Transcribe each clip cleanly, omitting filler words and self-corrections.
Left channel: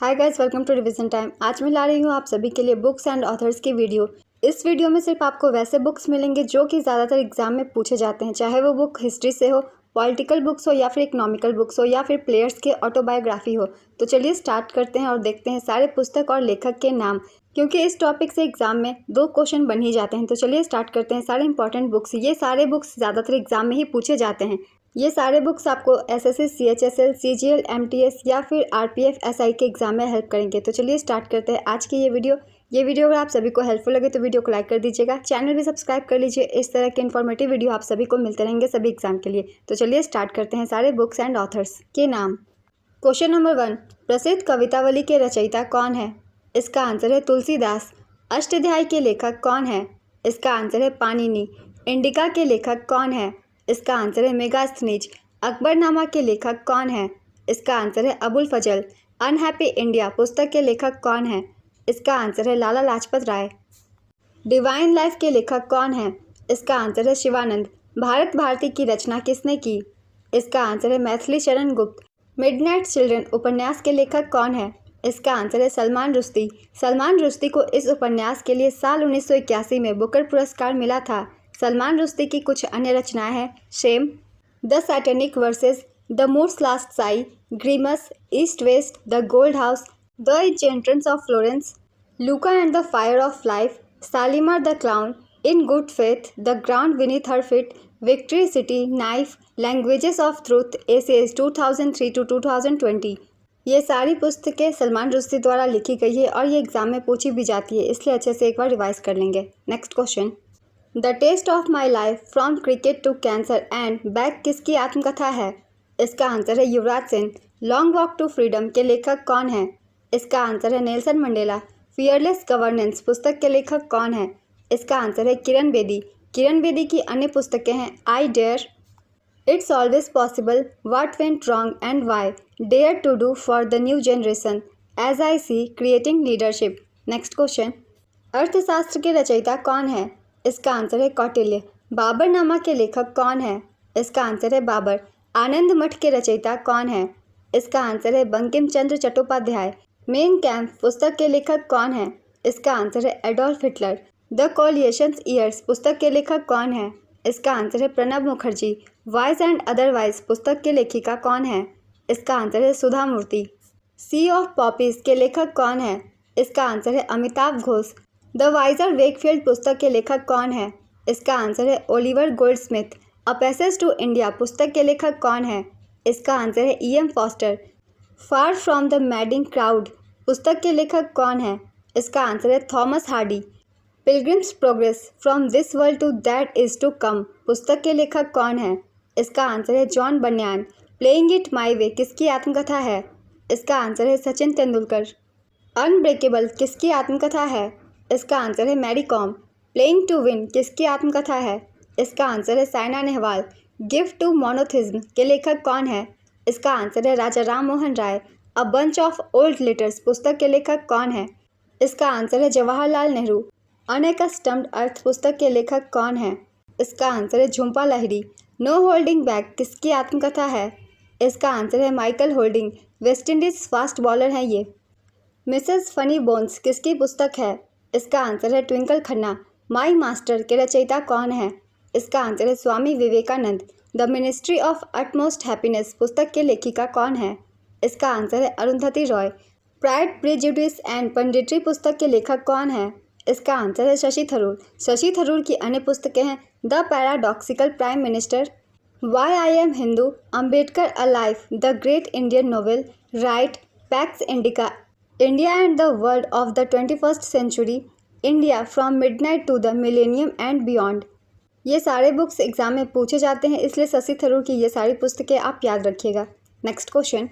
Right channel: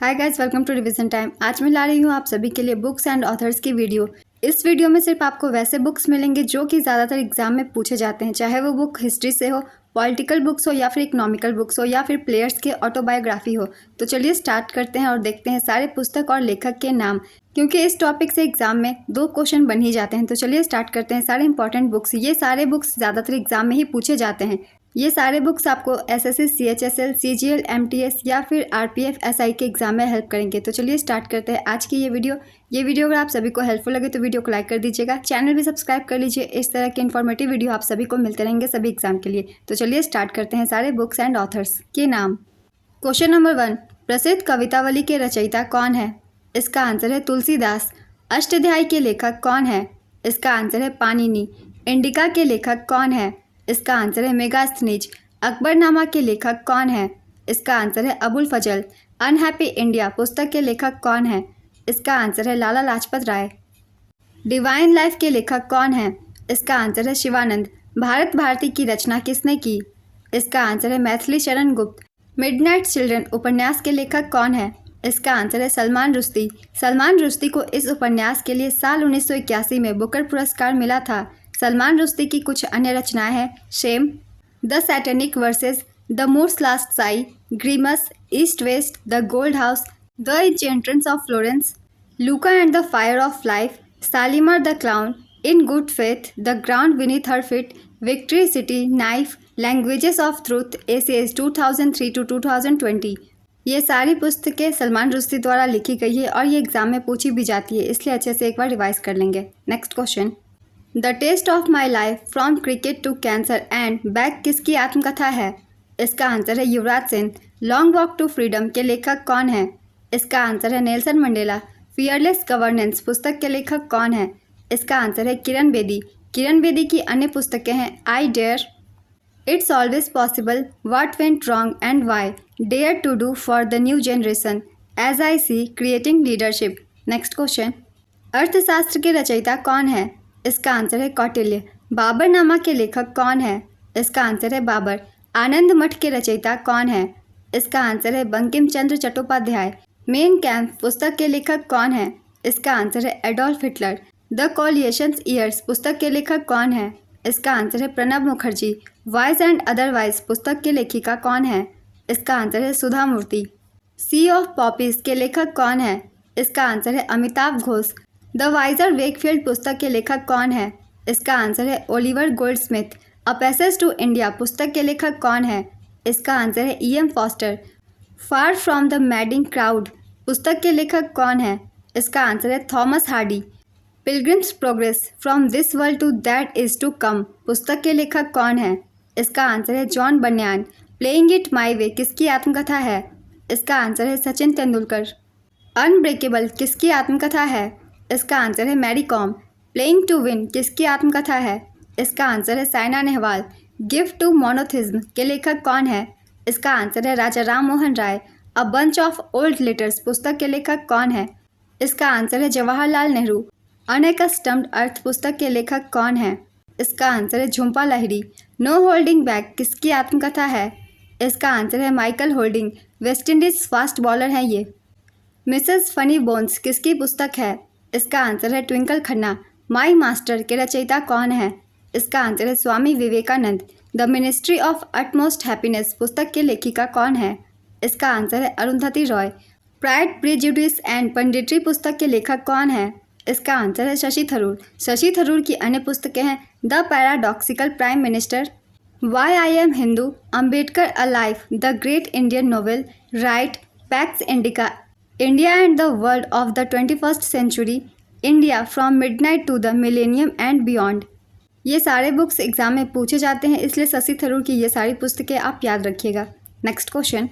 Hi guys, welcome to revision time. आज मैं ला रही हूँ आप सभी के लिए बुक्स एंड ऑथर्स की वीडियो। इस वीडियो में सिर्फ आपको वैसे बुक्स मिलेंगे जो कि ज़्यादातर एग्जाम में पूछे जाते हैं, चाहे वो बुक हिस्ट्री से हो, पॉलिटिकल बुक्स हो या फिर इकोनॉमिकल बुक्स हो या फिर प्लेयर्स के ऑटोबायोग्राफी हो। तो चलिए स्टार्ट करते हैं और देखते हैं सारे पुस्तक और लेखक के नाम, क्योंकि इस टॉपिक से एग्जाम में 2 क्वेश्चन बन ही जाते हैं। तो चलिए स्टार्ट करते हैं। सारे इंपॉर्टेंट बुक्स, ये सारे बुक्स ज़्यादातर एग्जाम में ही पूछे जाते हैं। ये सारे बुक्स आपको एसएससी, सीएचएसएल, सीजीएल, एमटीएस या फिर आरपीएफ, एसआई के एग्जाम में हेल्प करेंगे। तो चलिए स्टार्ट करते हैं आज की ये वीडियो अगर आप सभी को हेल्पफुल लगे तो वीडियो को लाइक कर दीजिएगा, चैनल भी सब्सक्राइब कर लीजिए। इस तरह के इन्फॉर्मेटिव वीडियो आप सभी को मिलते रहेंगे सभी एग्जाम के लिए। तो चलिए स्टार्ट करते हैं सारे बुक्स एंड ऑथर्स के नाम। क्वेश्चन नंबर 1, प्रसिद्ध कवितावली के रचयिता कौन है? इसका आंसर है तुलसीदास। अष्टाध्यायी के लेखक कौन है? इसका आंसर है पाणिनि। इंडिका के लेखक कौन है? इसका आंसर है मेगास्थनीज। अकबरनामा के लेखक कौन है? इसका आंसर है अबुल फजल। अनहैप्पी इंडिया पुस्तक के लेखक कौन है? इसका आंसर है लाला लाजपत राय। डिवाइन लाइफ के लेखक कौन है? इसका आंसर है शिवानंद। भारत भारती की रचना किसने की? इसका आंसर है मैथिली शरण गुप्त। मिडनाइट चिल्ड्रन उपन्यास के लेखक कौन है? इसका आंसर है सलमान रुश्दी। सलमान रुश्दी को इस उपन्यास के लिए साल 1981 में बुकर पुरस्कार मिला था। सलमान रुश्दी की कुछ अन्य रचनाएं हैं shame, the satanic verses, the Moor's last sigh, Grimus, east west, the gold house, the enchantress of Florence, Luka and the fire of life, Shalimar the clown, in good faith, the ground beneath her feet, victory city, knife, languages of truth, ACS 2003 to 2020। ये सारी पुस्तकें सलमान रुश्दी द्वारा लिखी गई है और ये exam में पूछी भी जाती है, इसलिए अच्छे से एक बार रिवाइज कर लेंगे। Next question, the test of my life from cricket to cancer and back किसकी आत्मकथा है? इसका आंसर है Yuvraj Singh. Long walk to freedom के लेखक कौन है? इसका आंसर है नेल्सन मंडेला। फियरलेस गवर्नेंस पुस्तक के लेखक कौन है? इसका आंसर है किरण बेदी। किरण बेदी की अन्य पुस्तकें हैं I dare, it's always possible, what went wrong and why, dare to do for the new generation, as I see, creating leadership. Next question, अर्थशास्त्र के रचयिता कौन है? इसका आंसर है कौटिल्य। बाबरनामा के लेखक कौन है? इसका आंसर है बाबर। आनंद मठ के रचयिता कौन है? इसका आंसर है बंकिम चंद्र चट्टोपाध्याय। मेन कैंप पुस्तक के लेखक कौन है? इसका आंसर है एडोल्फ हिटलर। द कोलिएशंस ईयर्स पुस्तक के लेखक कौन है? इसका आंसर है Pranab Mukherjee. Wise and otherwise पुस्तक के लेखिका कौन है? इसका आंसर है सुधा मूर्ति। सी ऑफ पॉपीज के लेखक कौन है? इसका आंसर है Amitav Ghosh. The vicar Wakefield पुस्तक के लेखक कौन है? इसका आंसर है Oliver Goldsmith. A passage to India पुस्तक के लेखक कौन है? इसका आंसर है EM Forster. Far from the madding crowd पुस्तक के लेखक कौन है? इसका आंसर है Thomas Hardy. Pilgrim's progress from this world to that is to come पुस्तक के लेखक कौन है? इसका आंसर है John Bunyan. Playing it my वे किसकी आत्मकथा है? इसका आंसर है सचिन तेंदुलकर। अनब्रेकेबल किसकी आत्मकथा है? इसका आंसर है Mary Kom. Playing to win किसकी आत्मकथा है? इसका आंसर है Saina Nehwal. Gift to monotheism के लेखक कौन है? इसका आंसर है Raja Ram Mohan Roy. A bunch of old letters पुस्तक के लेखक कौन है? इसका आंसर है जवाहरलाल नेहरू। अनएकस्टम्ड अर्थ पुस्तक के लेखक कौन है? इसका आंसर है Jhumpa Lahiri. No holding back किसकी आत्मकथा है? इसका आंसर है Michael Holding. West Indies fast bowler हैं ये। मिसेस फनी बोन्स किसकी पुस्तक है? इसका आंसर है ट्विंकल खन्ना। माई मास्टर के रचयिता कौन है? इसका आंसर है Swami Vivekananda. The ministry of utmost happiness पुस्तक के लेखिका कौन है? इसका आंसर है Arundhati Roy. Pride, prejudice and punditry पुस्तक के लेखक कौन है? इसका आंसर है शशि थरूर। शशि थरूर की अन्य पुस्तकें हैं the paradoxical prime minister, why I am Hindu, Ambedkar a life, the great Indian novel, right, pax indica, India and the world of the 21st century, India from midnight to the millennium and beyond. ये सारे books exam में पूछे जाते हैं, इसलिए शशि थरूर की ये सारी पुस्तकें आप याद रखिएगा। Next question,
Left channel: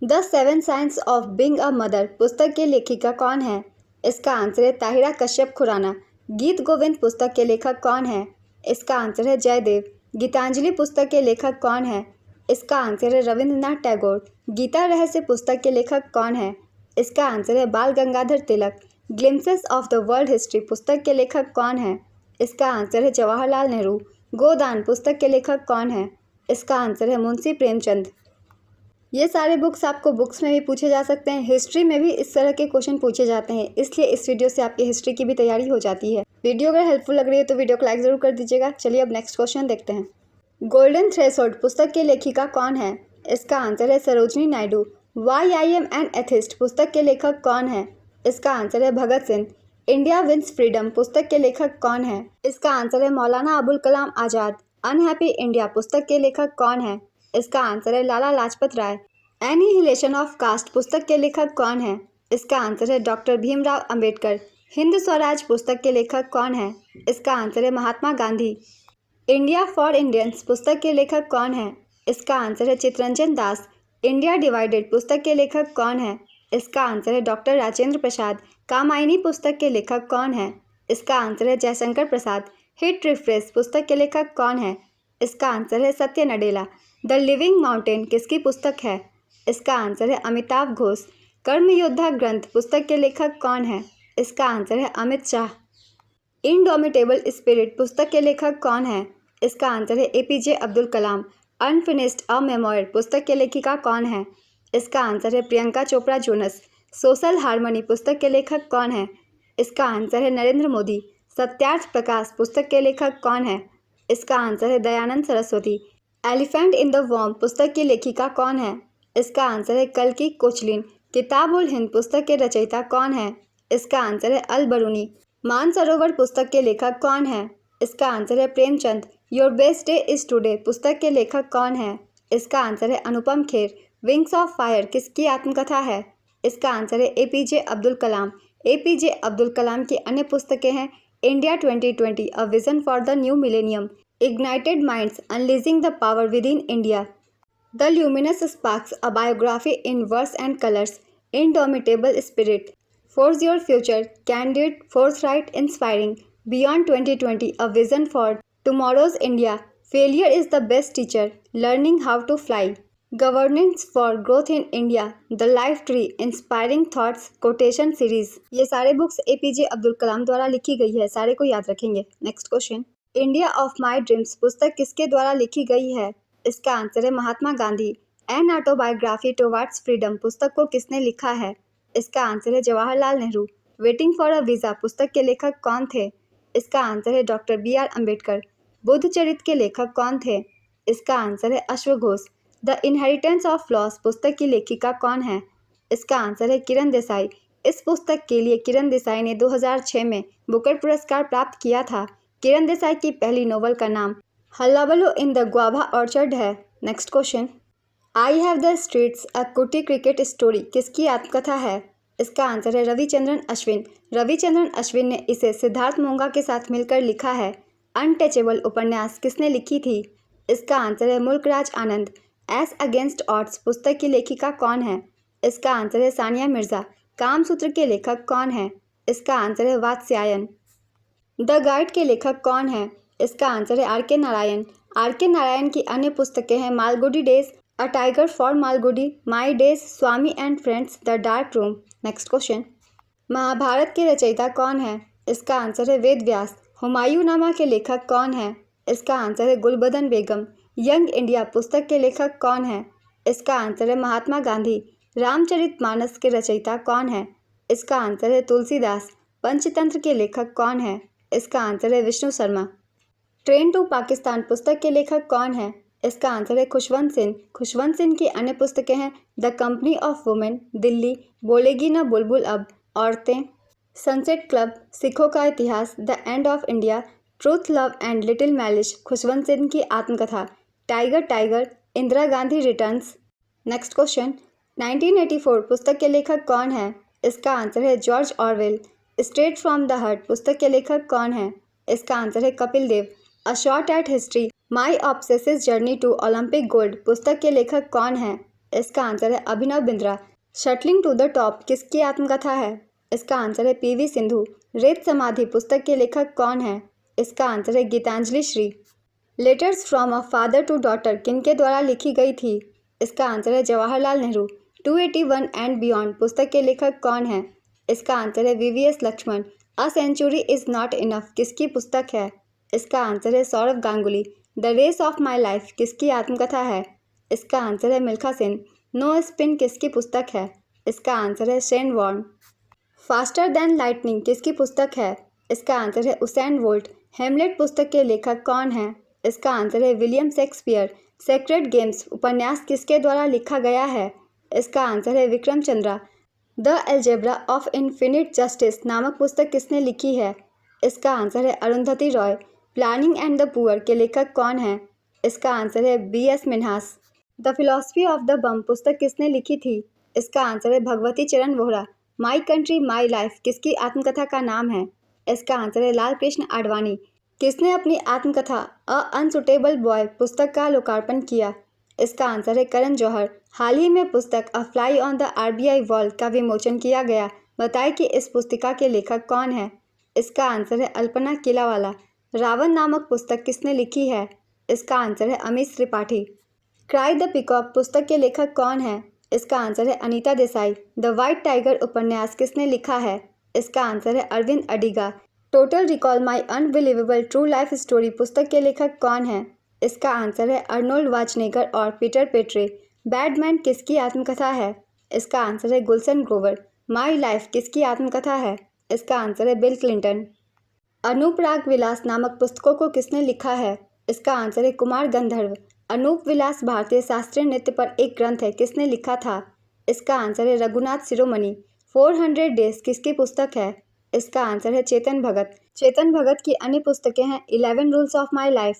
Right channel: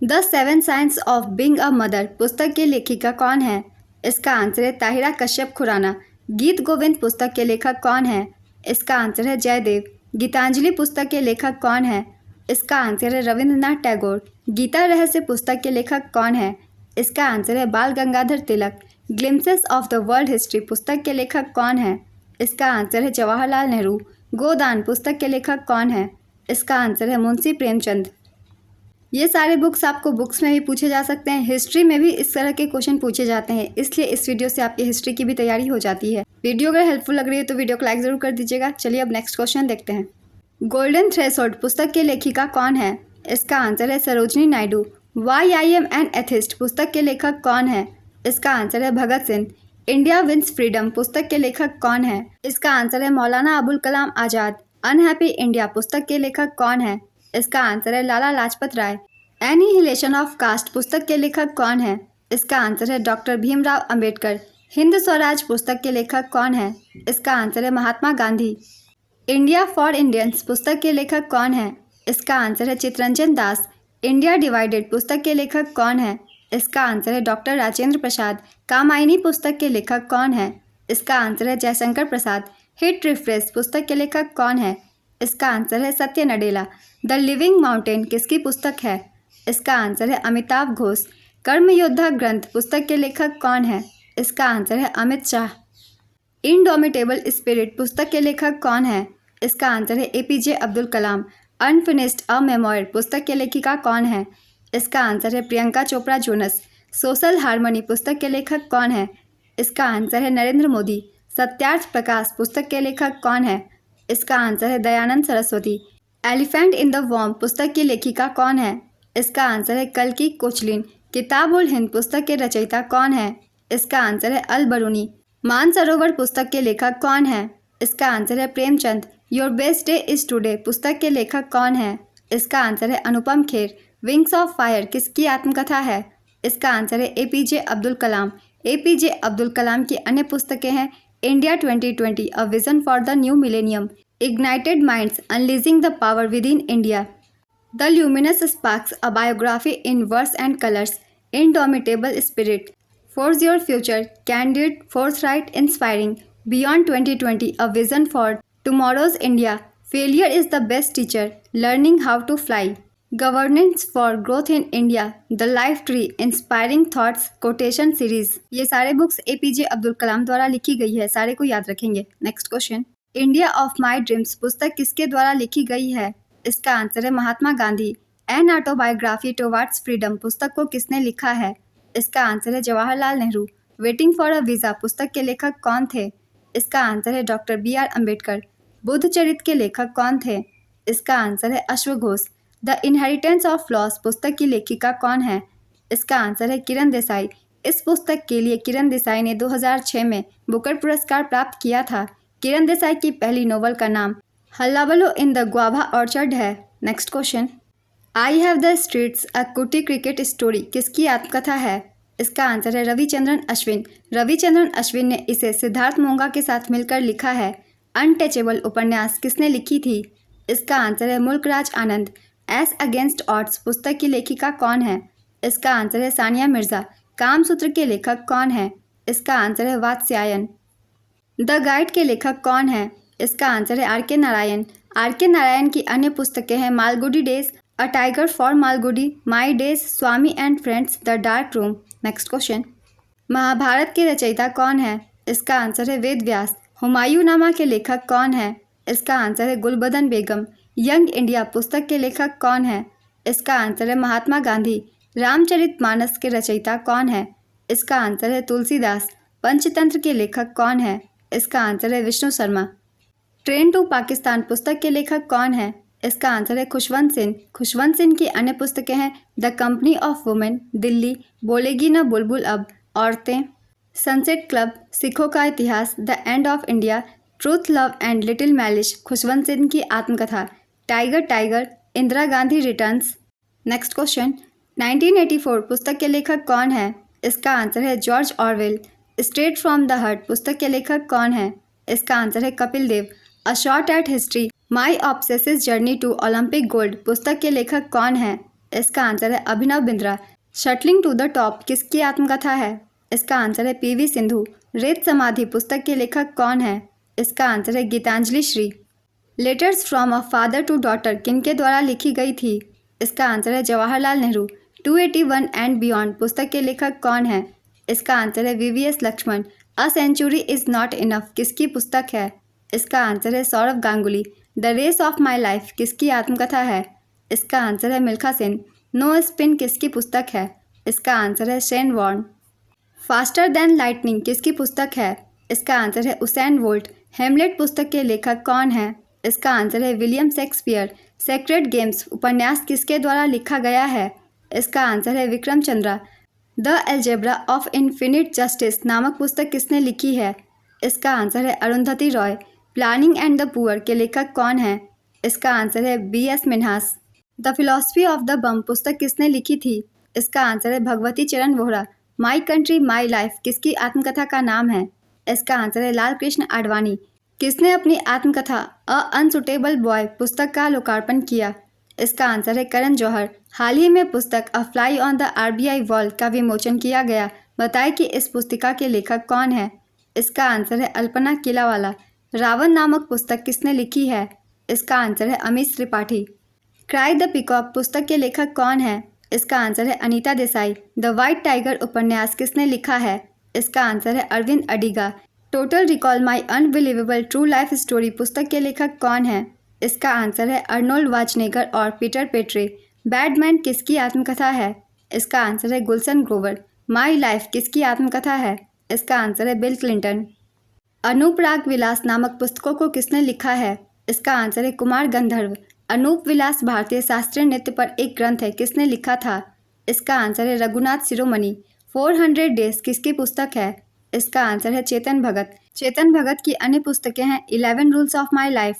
the 7 science of being a mother पुस्तक के लेखिका कौन है? इसका आंसर है ताहिरा कश्यप खुराना। गीत गोविंद पुस्तक के लेखक कौन है? इसका आंसर है जयदेव। गीतांजलि पुस्तक के लेखक कौन है? इसका आंसर है रविंद्रनाथ टैगोर। गीता रहस्य पुस्तक के लेखक कौन है? इसका आंसर है Bal Gangadhar Tilak. Glimpses of the world history पुस्तक के लेखक कौन है? इसका आंसर है जवाहरलाल नेहरू। गोदान पुस्तक के लेखक कौन है? इसका आंसर है मुंशी प्रेमचंद। ये सारे बुक्स आपको बुक्स में भी पूछे जा सकते हैं, हिस्ट्री में भी इस तरह के क्वेश्चन पूछे जाते हैं, इसलिए इस वीडियो से आपकी हिस्ट्री की भी तैयारी हो जाती है। वीडियो अगर हेल्पफुल लग रही है तो वीडियो को लाइक ज़रूर कर दीजिएगा। चलिए अब नेक्स्ट क्वेश्चन देखते हैं। गोल्डन थ्रेशोल्ड पुस्तक की लेखिका कौन है? इसका आंसर है Sarojini Naidu. Why I am an atheist पुस्तक के लेखक कौन है? इसका आंसर है Bhagat Singh. India wins freedom पुस्तक के लेखक कौन है? इसका आंसर है मौलाना अबुल कलाम आज़ाद। अनहैप्पी इंडिया पुस्तक के लेखक कौन है? इसका आंसर है Lala Lajpat Rai. Annihilation of caste पुस्तक के लेखक कौन है? इसका आंसर है डॉक्टर भीमराव अंबेडकर। हिंद स्वराज पुस्तक के लेखक कौन है? इसका आंसर है Mahatma Gandhi. India for Indians पुस्तक के लेखक कौन है? इसका आंसर है चित्तरंजन दास। इंडिया डिवाइडेड पुस्तक के लेखक कौन है? इसका आंसर है डॉक्टर राजेंद्र प्रसाद। कामायनी पुस्तक के लेखक कौन है? इसका आंसर है जयशंकर प्रसाद। हिट रिफ्रेश पुस्तक के लेखक कौन है? इसका आंसर है सत्य नडेला। द लिविंग माउंटेन किसकी पुस्तक है? इसका आंसर है अमिताभ घोष। कर्मयोद्धा ग्रंथ पुस्तक के लेखक कौन है? इसका आंसर है अमित शाह। इनडोमिटेबल स्पिरिट पुस्तक के लेखक कौन है? इसका आंसर है एपीजे अब्दुल कलाम। अनफिनिश्ड अ मेमोयर पुस्तक के लेखिका कौन है? इसका आंसर है Priyanka Chopra Jonas. Social harmony पुस्तक के लेखक कौन है? इसका आंसर है नरेंद्र मोदी। सत्यार्थ प्रकाश पुस्तक के लेखक कौन है? इसका आंसर है Dayanand Saraswati. Elephant in the वॉर्म पुस्तक की लेखिका कौन है? इसका आंसर है कल्कि कोचलिन। किताब उल हिंद पुस्तक के रचयिता कौन है? इसका आंसर है अल बरूनी। मानसरोवर पुस्तक के लेखक कौन है? इसका आंसर है Premchand. Your best day is today पुस्तक के लेखक कौन है? इसका आंसर है Anupam Kher. Wings of fire किसकी आत्मकथा है? इसका आंसर है एपीजे अब्दुल कलाम। एपीजे अब्दुल कलाम की अन्य पुस्तकें हैं India 2020 a vision for the new millennium, ignited minds, unleashing the power within India, the luminous sparks, a biography in verse and colours, indomitable spirit, forge your future, candid, फोर्थराइट, inspiring, beyond 2020 a vision for tomorrow's India, failure is the best teacher, learning how to fly, governance for growth in India, the life tree, inspiring thoughts, quotation series. ये सारे books APJ Abdul कलाम द्वारा लिखी गई है, सारे को याद रखेंगे। Next question. India of my dreams पुस्तक किसके द्वारा लिखी गई है? इसका आंसर है Mahatma Gandhi. An autobiography towards freedom पुस्तक को किसने लिखा है? इसका आंसर है Jawaharlal Nehru. Waiting for a visa पुस्तक के लेखक कौन थे? इसका आंसर है डॉक्टर BR अम्बेडकर। बुद्ध चरित्र के लेखक कौन थे? इसका आंसर है अश्वघोष। द इनहेरिटेंस ऑफ लॉस पुस्तक की लेखिका कौन है? इसका आंसर है किरण देसाई। इस पुस्तक के लिए किरण देसाई ने 2006 में बुकर पुरस्कार प्राप्त किया था। किरण देसाई की पहली नोवेल का नाम hullabaloo in the guava orchard है। Next question. I have the streets a kutti cricket story किसकी आत्मकथा है? इसका आंसर है रविचंद्रन अश्विन। रविचंद्रन अश्विन ने इसे सिद्धार्थ मोंगा के साथ मिलकर लिखा है। अनटचेबल उपन्यास किसने लिखी थी? इसका आंसर है मुल्कराज आनंद। एस अगेंस्ट ऑड्स पुस्तक की लेखिका कौन है? इसका आंसर है सानिया मिर्जा। कामसूत्र के लेखक कौन है? इसका आंसर है वात्स्यायन। द गाइड के लेखक कौन है? इसका आंसर है RK नारायण। RK नारायण की अन्य पुस्तकें हैं Malgudi days, a tiger for Malgudi, my days, Swami and friends, the dark room. Next question. Mahabharata के रचयिता कौन है? इसका आंसर है वेद व्यास। हुमायूंनामा के लेखक कौन है? इसका आंसर है गुलबदन बेगम। यंग इंडिया पुस्तक के लेखक कौन है? इसका आंसर है महात्मा गांधी। रामचरितमानस के रचयिता कौन है? इसका आंसर है तुलसीदास। पंचतंत्र के लेखक कौन है? इसका आंसर है विष्णु शर्मा। ट्रेन टू पाकिस्तान पुस्तक के लेखक कौन है? इसका आंसर है खुशवंत सिंह। खुशवंत सिंह की अन्य पुस्तकें हैं the company of women, Delhi, बोलेगी न बुलबुल अब, औरतें, सनसेट क्लब, सिखों का इतिहास, the end of India, truth, love and little malice, Khushwant Singh की आत्मकथा, tiger tiger, Indira Gandhi returns. Next question. 1984 पुस्तक के लेखक कौन है? इसका आंसर है George Orwell. Straight from the heart पुस्तक के लेखक कौन है? इसका आंसर है Kapil Dev. A shot at history, my obsessive journey to Olympic gold पुस्तक के लेखक कौन है? इसका आंसर है Abhinav Bindra. Shuttling to the top किसकी आत्मकथा है? इसका आंसर है PV सिंधु। रेत समाधि पुस्तक के लेखक कौन है? इसका आंसर है Geetanjali Shree. Letters from a father to daughter किनके द्वारा लिखी गई थी? इसका आंसर है जवाहरलाल नेहरू। 281 एंड बियॉन्ड पुस्तक के लेखक कौन है? इसका आंसर है VVS Laxman. A century is not enough किसकी पुस्तक है? इसका आंसर है Sourav Ganguly. The race of my life किसकी आत्मकथा है? इसका आंसर है मिल्खा सेन। नो स्पिन किसकी पुस्तक है? इसका आंसर है Shane Warne. Faster than lightning किसकी पुस्तक है? इसका आंसर है उसेन बोल्ट। हेमलेट पुस्तक के लेखक कौन है? इसका आंसर है विलियम शेक्सपियर। सेक्रेड गेम्स उपन्यास किसके द्वारा लिखा गया है? इसका आंसर है Vikram Chandra. The algebra of infinite justice नामक पुस्तक किसने लिखी है? इसका आंसर है Arundhati Roy. Planning and the poor के लेखक कौन है? इसका आंसर है B.S. Minhas. The philosophy of the bomb पुस्तक किसने लिखी थी? इसका आंसर है Bhagwati Charan Vohra. My country my life किसकी आत्मकथा का नाम है? इसका आंसर है लाल कृष्ण आडवाणी। किसने अपनी आत्मकथा अ अनसुटेबल बॉय पुस्तक का लोकार्पण किया? इसका आंसर है करण जौहर। हाल ही में पुस्तक अ fly on the RBI wall का विमोचन किया गया। बताएं कि इस पुस्तिका के लेखक कौन है? इसका आंसर है अल्पना किलावाला। रावण नामक पुस्तक किसने लिखी है? इसका आंसर है Amish Tripathi. Cry the peacock पुस्तक के लेखक कौन है? इसका आंसर है Anita Desai. The white tiger उपन्यास किसने लिखा है? इसका आंसर है अरविंद अडिगा। टोटल रिकॉल माई अनबिलीवेबल ट्रू लाइफ स्टोरी पुस्तक के लेखक कौन है? इसका आंसर है अर्नोल्ड वाचनेगर और पीटर पेट्रे। बैडमैन किसकी आत्मकथा है? इसका आंसर है गुलशन ग्रोवर। माई लाइफ किसकी आत्मकथा है? इसका आंसर है बिल क्लिंटन। अनूपराग विलास नामक पुस्तकों को किसने लिखा है? इसका आंसर है कुमार गंधर्व। अनूप विलास भारतीय शास्त्रीय नृत्य पर एक ग्रंथ है, किसने लिखा था? इसका आंसर है रघुनाथ शिरोमणि। 400 डेज किसकी पुस्तक है? इसका आंसर है चेतन भगत। चेतन भगत की अन्य पुस्तकें हैं 11 rules of my life,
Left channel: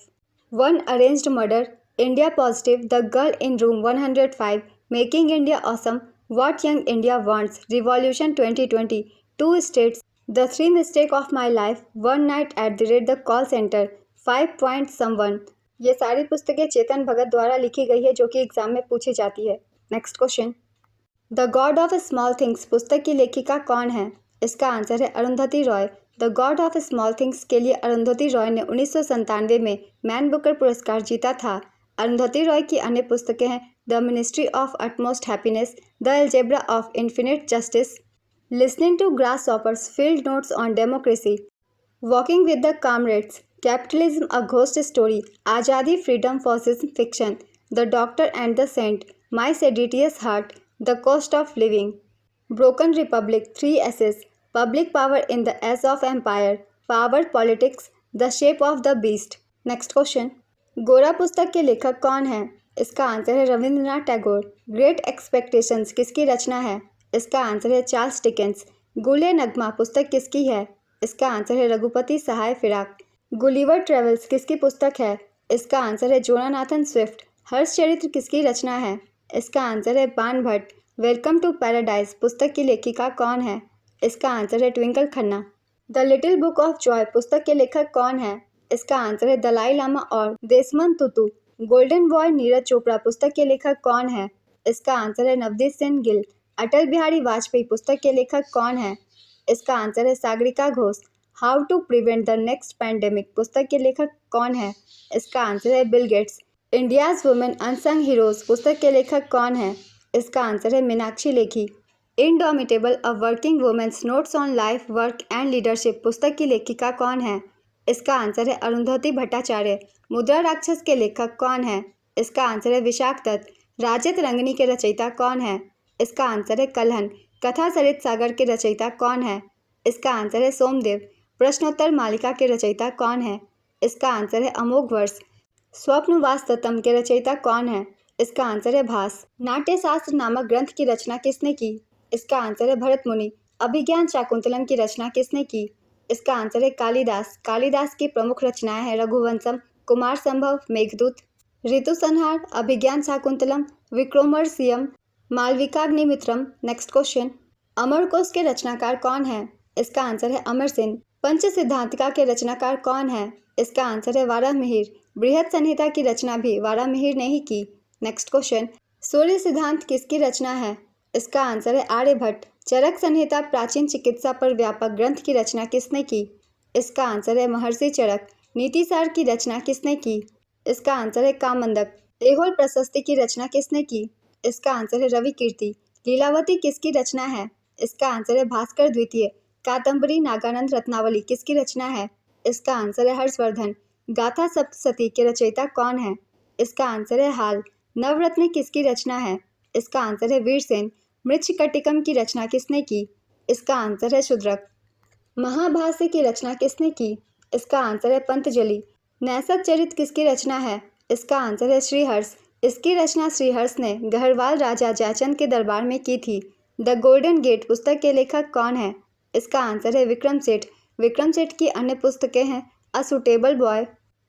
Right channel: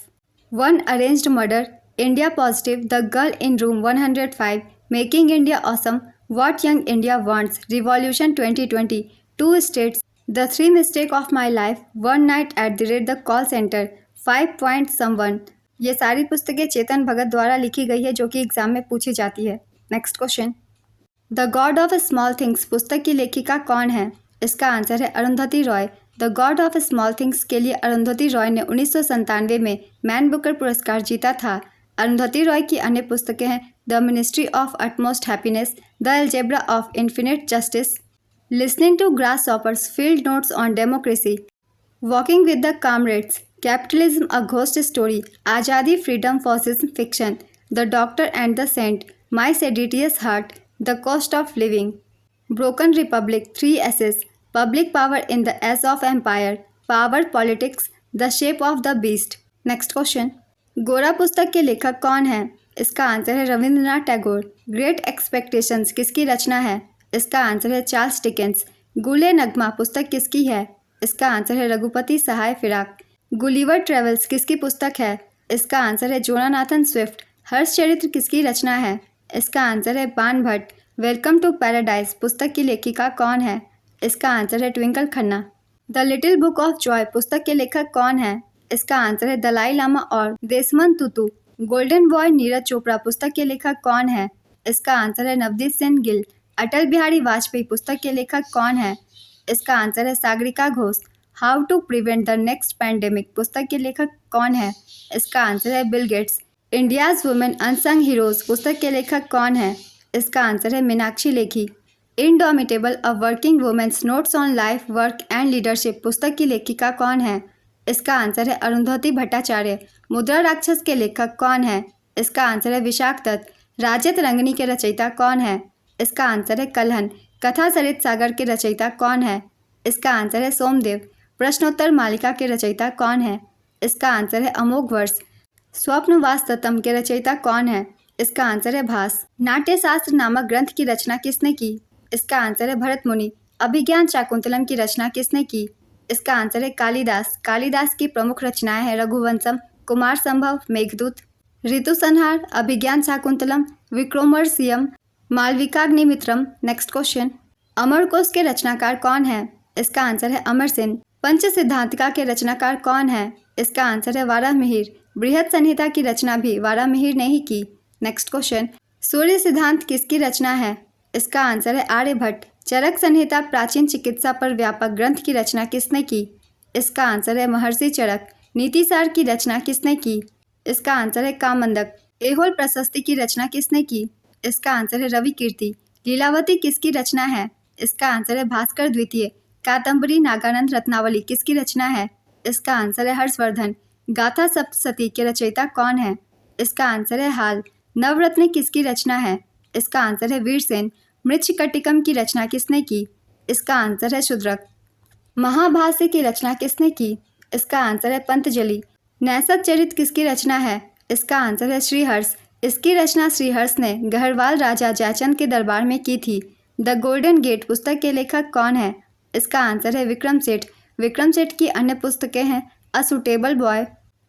one arranged murder, India positive, the girl in room 105, making India awesome, what young India wants, revolution 2020, two states, the three mistake of my life, one night at the rate the call centre, 5 point someone. ये सारी पुस्तकें चेतन भगत द्वारा लिखी गई है जो कि exam में पूछी जाती है। Next question, the God of small things पुस्तक की लेखिका कौन है? इसका आंसर है Arundhati Roy. The God of small things के लिए अरुंधति रॉय ने 1997 में मैन बुकर पुरस्कार जीता था। अरुंधति रॉय की अन्य पुस्तकें हैं the ministry of utmost happiness, the algebra of infinite justice, listening to grasshoppers, field notes on democracy, walking with the comrades, capitalism a ghost story, Azadi freedom fascism fiction, the doctor and the saint, my seditious heart, the cost of living, broken republic, 3 essays, public power in the age of empire, power politics, the shape of the beast. Next question, Gora पुस्तक के लेखक कौन है? इसका answer है Rabindranath Tagore. Great expectations किसकी रचना है? इसका आंसर है चार्ल्स डिकेंस। गुले नगमा पुस्तक किसकी है? इसका आंसर है रघुपति सहाय फिराक। गुलिवर ट्रेवल्स किसकी पुस्तक है? इसका आंसर है जोनाथन स्विफ्ट। हर्ष चरित्र किसकी रचना है? इसका आंसर है बाण भट्ट। वेलकम टू पैराडाइज पुस्तक की लेखिका कौन है? इसका आंसर है Twinkle Khanna. The little book of Joy पुस्तक के लेखक कौन है? इसका आंसर है दलाई लामा और देशमन तुतु। गोल्डन बॉय नीरज चोपड़ा पुस्तक के लेखक कौन है? इसका आंसर है नवदीप सेन गिल। अटल बिहारी वाजपेयी पुस्तक के लेखक कौन है? इसका आंसर है Sagarika Ghose. How to prevent the next pandemic पुस्तक के लेखक कौन है? इसका आंसर है Bill Gates. India's women unsung heroes पुस्तक के लेखक कौन है? इसका आंसर है Meenakshi Lekhi. Indomitable a working women's notes on life work and leadership पुस्तक की लेखिका कौन है? इसका आंसर है अरुंधति भट्टाचार्य। मुद्रा राक्षस के लेखक कौन है? इसका आंसर है विशाख दत्त। राजत रंगनी के रचयिता कौन है? इसका आंसर है कल्हन। कथा सरित सागर के रचयिता कौन है? इसका आंसर है सोमदेव। प्रश्नोत्तर मालिका के रचयिता कौन है? इसका आंसर है अमोघ वर्ष। स्वप्न वास्तवम के रचयिता कौन है? इसका आंसर है भास। नाट्यशास्त्र नामक ग्रंथ की रचना किसने की? इसका आंसर है भरत मुनि। अभिज्ञान शाकुंतलम की रचना किसने की? इसका आंसर है कालिदास। कालिदास की प्रमुख रचनाएं हैं रघुवंशम, कुमार संभव, मेघदूत, ऋतु संहार, अभिज्ञान शाकुंतलम, विक्रमोर्वशीयम, मालविकाग्निमित्रम। नेक्स्ट क्वेश्चन, अमरकोश के रचनाकार कौन है? इसका आंसर है अमर सेन। पंच सिद्धांतिका के रचनाकार कौन है? इसका आंसर है वाराहमिहिर। बृहद संहिता की रचना भी वाराहमिहिर ने ही की। नेक्स्ट क्वेश्चन, सूर्य सिद्धांत किसकी रचना है? इसका आंसर है आर्यभट्ट। चरक संहिता प्राचीन चिकित्सा पर व्यापक ग्रंथ की रचना किसने की? इसका आंसर है महर्षि चरक। नीतिसार की रचना किसने की? इसका आंसर है कामंदक। ऐहोल प्रशस्ति की रचना किसने की? इसका आंसर है रवि कीर्ति। लीलावती किसकी रचना है? इसका आंसर है भास्कर द्वितीय। कादम्बरी नागानंद रत्नावली किसकी रचना है? इसका आंसर है हर्षवर्धन। गाथा सप्तशती के रचयिता कौन है? इसका आंसर है हाल। नवरत्न किसकी रचना है? इसका आंसर है वीरसेन। मृच्छकटिकम की रचना किसने की? इसका आंसर है शूद्रक। महाभाष्य की रचना किसने की? इसका आंसर है पंतजलि। नैषध चरित किसकी रचना है? इसका आंसर है श्रीहर्ष। इसकी रचना श्रीहर्ष ने गढ़वाल राजा जयचंद के दरबार में की थी। द गोल्डन गेट पुस्तक के लेखक कौन है? इसका आंसर है विक्रम सेठ। विक्रम सेठ की अन्य पुस्तकें हैं a suitable boy,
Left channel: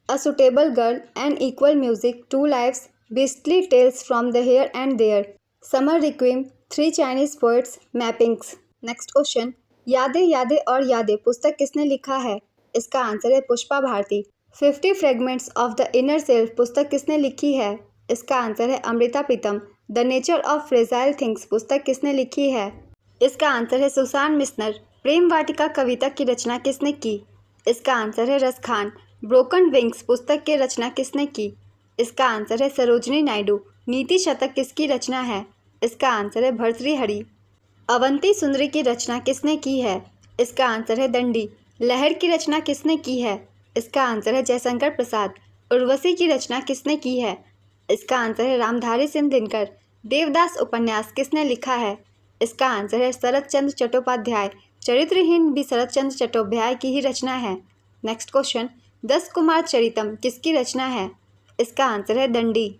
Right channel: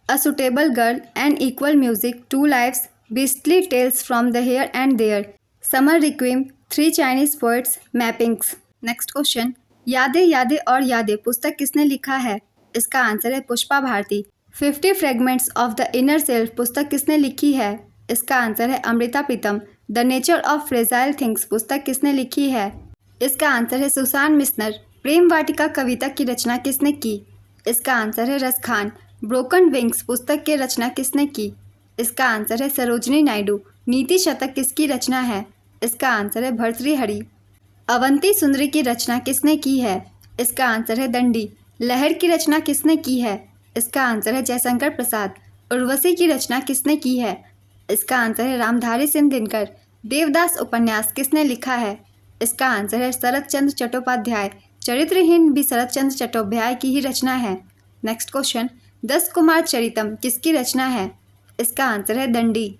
a suitable girl, and equal music, two lives, beastly tales from the here and there, summer requiem, three Chinese poets, mappings. Next question, यादें यादें और यादें पुस्तक किसने लिखा है? इसका आंसर है Pushpa Bharati. 50 fragments of the inner self पुस्तक किसने लिखी है? इसका आंसर है Amrita Pritam. The nature of fragile things पुस्तक किसने लिखी है? इसका आंसर है सुसान मिस्नर। प्रेम वाटिका कविता की रचना किसने की? इसका आंसर है रस खान। ब्रोकन विंग्स पुस्तक की रचना किसने की? इसका आंसर है सरोजनी नायडू। नीति शतक किसकी रचना है? इसका आंसर है भर्तृहरि। अवंती सुंदरी की रचना किसने की है? इसका आंसर है दंडी। लहर की रचना किसने की है? इसका आंसर है जयशंकर प्रसाद। उर्वशी की रचना किसने की है? इसका आंसर है रामधारी सिंह दिनकर। देवदास उपन्यास किसने लिखा है? इसका आंसर है शरत चंद्र चट्टोपाध्याय। चरित्रहीन भी शरत चंद्र चट्टोपाध्याय की ही रचना है। नेक्स्ट क्वेश्चन, 10 कुमार चरितम किसकी रचना है? इसका आंसर है दंडी।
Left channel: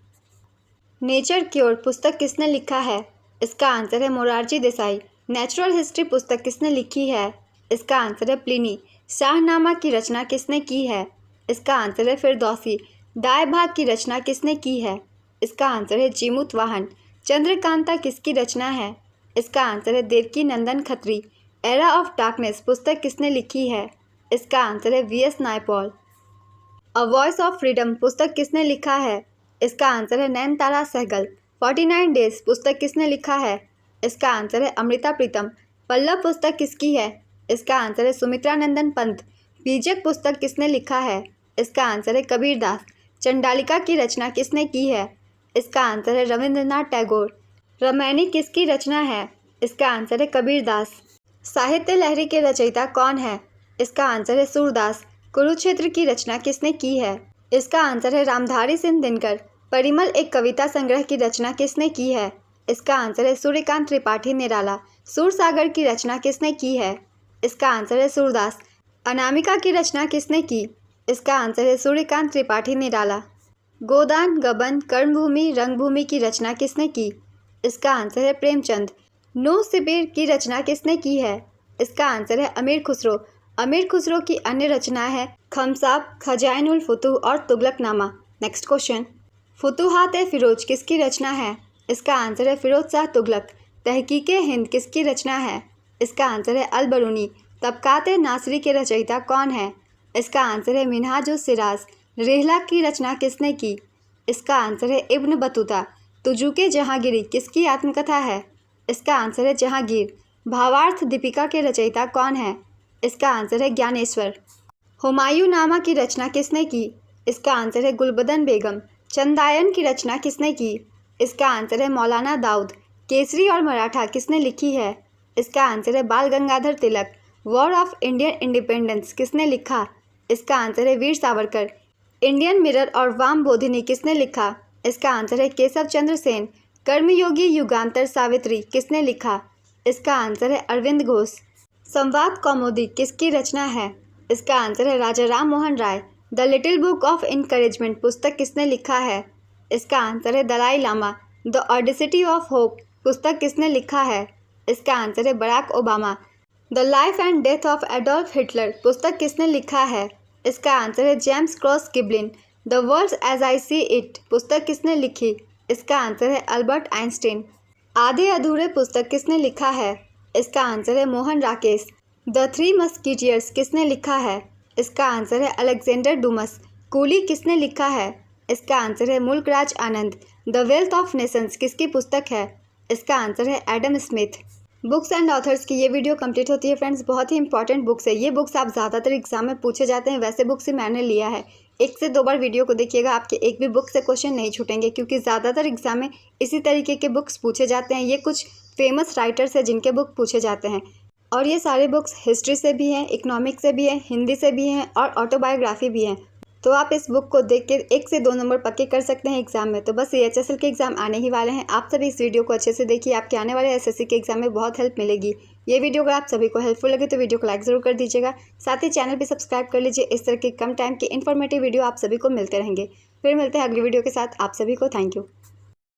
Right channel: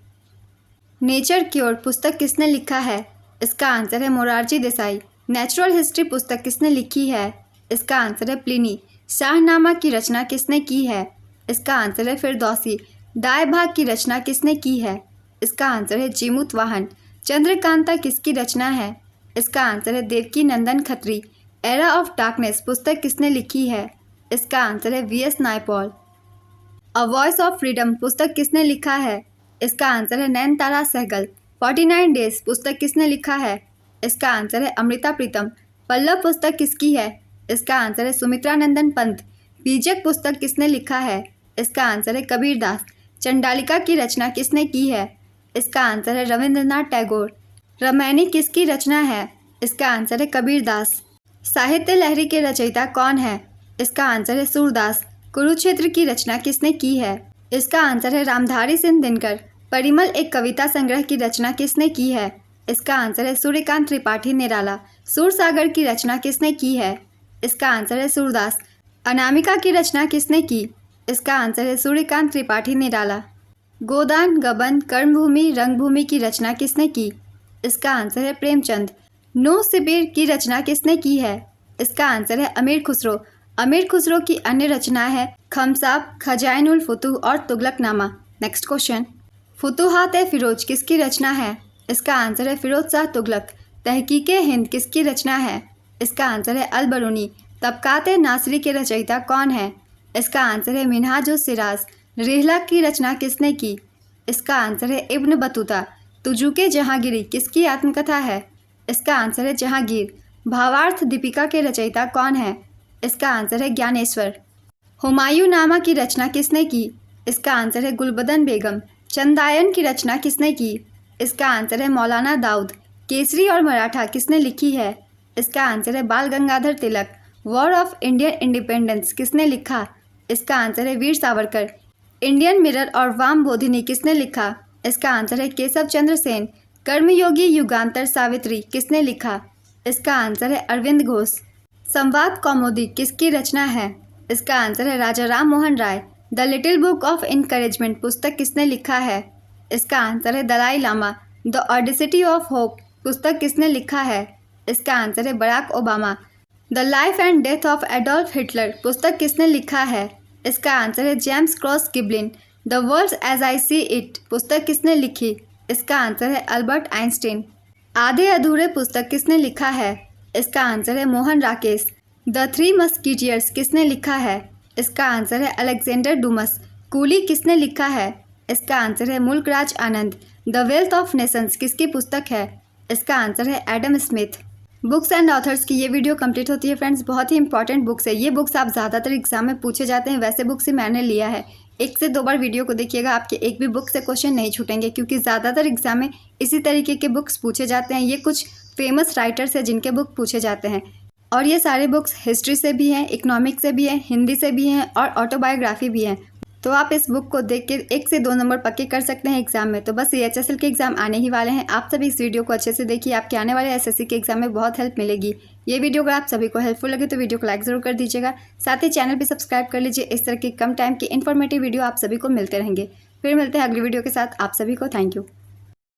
नेचर क्योर पुस्तक किसने लिखा है? इसका आंसर है मोरारजी देसाई। नेचुरल हिस्ट्री पुस्तक किसने लिखी है? इसका आंसर है प्लिनी। शाहनामा की रचना किसने की है? इसका आंसर है फिरदौसी। दाए भाग की रचना किसने की है? इसका आंसर है जीमूत वाहन। चंद्रकांता किसकी रचना है? इसका आंसर है देवकी नंदन खत्री। एरा ऑफ डार्कनेस पुस्तक किसने लिखी है? इसका आंसर है V S Naipaul. A voice of freedom पुस्तक किसने लिखा है? इसका आंसर है नयनतारा सहगल। 49 डेज पुस्तक किसने लिखा है? इसका आंसर है अमृता प्रीतम। पल्लव पुस्तक किसकी है? इसका आंसर है सुमित्रा नंदन पंत। बीजक पुस्तक किसने लिखा है? इसका आंसर है कबीर दास। चंडालिका की रचना किसने की है? इसका आंसर है रविंद्रनाथ टैगोर। रामायणी किसकी रचना है? इसका आंसर है कबीर दास। साहित्य लहरी के रचयिता कौन है? इसका आंसर है सूरदास। कुरुक्षेत्र की रचना किसने की है? इसका आंसर है रामधारी सिंह दिनकर। परिमल एक कविता संग्रह की रचना किसने की है? इसका आंसर है सूर्यकांत त्रिपाठी निराला। सूरसागर की रचना किसने की है? इसका आंसर है सूरदास। अनामिका की रचना किसने की? इसका आंसर है सूर्यकांत त्रिपाठी निराला। गोदान, गबन, कर्मभूमि, रंगभूमि की रचना किसने की? इसका आंसर है प्रेमचंद। नो शिबिर की रचना किसने की है? इसका आंसर है अमीर खुसरो। अमीर खुसरो की अन्य रचना है खमसाब, खजाइनुल फुतूह और तुगलकनामा। नेक्स्ट क्वेश्चन, फुतूहात-ए-फिरोज किसकी रचना है? इसका आंसर है फिरोज शाह तुगलक। तहकीक-ए-हिंद किसकी रचना है? इसका आंसर है अल-बरूनी। तबकात-ए-नासरी के रचयिता कौन है? इसका आंसर है मिन्हाज-उस-सिराज। रिहला की रचना किसने की? इसका आंसर है इब्न बतूता। तुजुके जहांगीरी किसकी आत्मकथा है? इसका आंसर है जहांगीर। भावार्थ दीपिका के रचयिता कौन है? इसका आंसर है ज्ञानेश्वर। हुमायूं नामा की रचना किसने की? इसका आंसर है गुलबदन बेगम। चंदायन की रचना किसने की? इसका आंसर है मौलाना दाऊद। केसरी और मराठा किसने लिखी है? इसका आंसर है बाल गंगाधर तिलक। वॉर ऑफ इंडियन इंडिपेंडेंस किसने लिखा? इसका आंसर है वीर सावरकर। इंडियन मिरर और वाम बोधिनी किसने लिखा? इसका आंसर है केशव चंद्र सेन। कर्मयोगी युगांतर सावित्री किसने लिखा? इसका आंसर है अरविंद घोष। संवाद कौमुदी किसकी रचना है? इसका आंसर है Raja Ram Mohan Roy. The little book of encouragement पुस्तक किसने लिखा है? इसका आंसर है Dalai Lama. The audacity of hope पुस्तक किसने लिखा है? इसका आंसर है Barack Obama. The life and death of Adolf Hitler पुस्तक किसने लिखा है? इसका आंसर है James Cross Giblin. The world as I see it पुस्तक किसने लिखी? इसका आंसर है अल्बर्ट आइंस्टीन। आधे अधूरे पुस्तक किसने लिखा है? इसका आंसर है Mohan Rakesh. The three musketeers किसने लिखा है? इसका आंसर है अलेक्जेंडर डुमस। कूली किसने लिखा है? इसका आंसर है मुल्कराज आनंद। द वेल्थ ऑफ नेशंस किसकी पुस्तक है? इसका आंसर है Adam Smith. Books and authors की ये वीडियो कंप्लीट होती है फ्रेंड्स। बहुत ही इंपॉर्टेंट बुक्स है ये। बुक्स आप ज़्यादातर एग्जाम में पूछे जाते हैं, वैसे बुक्स ही मैंने लिया है। 1 से 2 बार वीडियो को देखिएगा, आपके एक भी बुक से क्वेश्चन नहीं छूटेंगे, क्योंकि ज़्यादातर एग्जाम में इसी तरीके के बुक्स पूछे जाते हैं। ये कुछ फेमस राइटर्स हैं जिनके बुक पूछे जाते हैं, और ये सारे बुक्स हिस्ट्री से भी हैं, इकोनॉमिक्स से भी हैं, हिंदी से भी हैं और ऑटोबायोग्राफी भी हैं। तो आप इस बुक को देख के 1 से 2 नंबर पक्के कर सकते हैं एग्जाम में। तो बस CHSL के एग्जाम आने ही वाले हैं, आप सभी इस वीडियो को अच्छे से देखिए, आपके आने वाले SSC के एग्जाम में बहुत हेल्प मिलेगी। ये वीडियो अगर आप सभी को हेल्पफुल लगे तो वीडियो को लाइक ज़रूर कर दीजिएगा, साथ ही चैनल भी सब्सक्राइब कर लीजिए। इस तरह की कम टाइम की इन्फॉर्मेटिव वीडियो आप सभी को मिलते रहेंगे। फिर मिलते हैं अगली वीडियो के साथ, आप सभी को थैंक यू।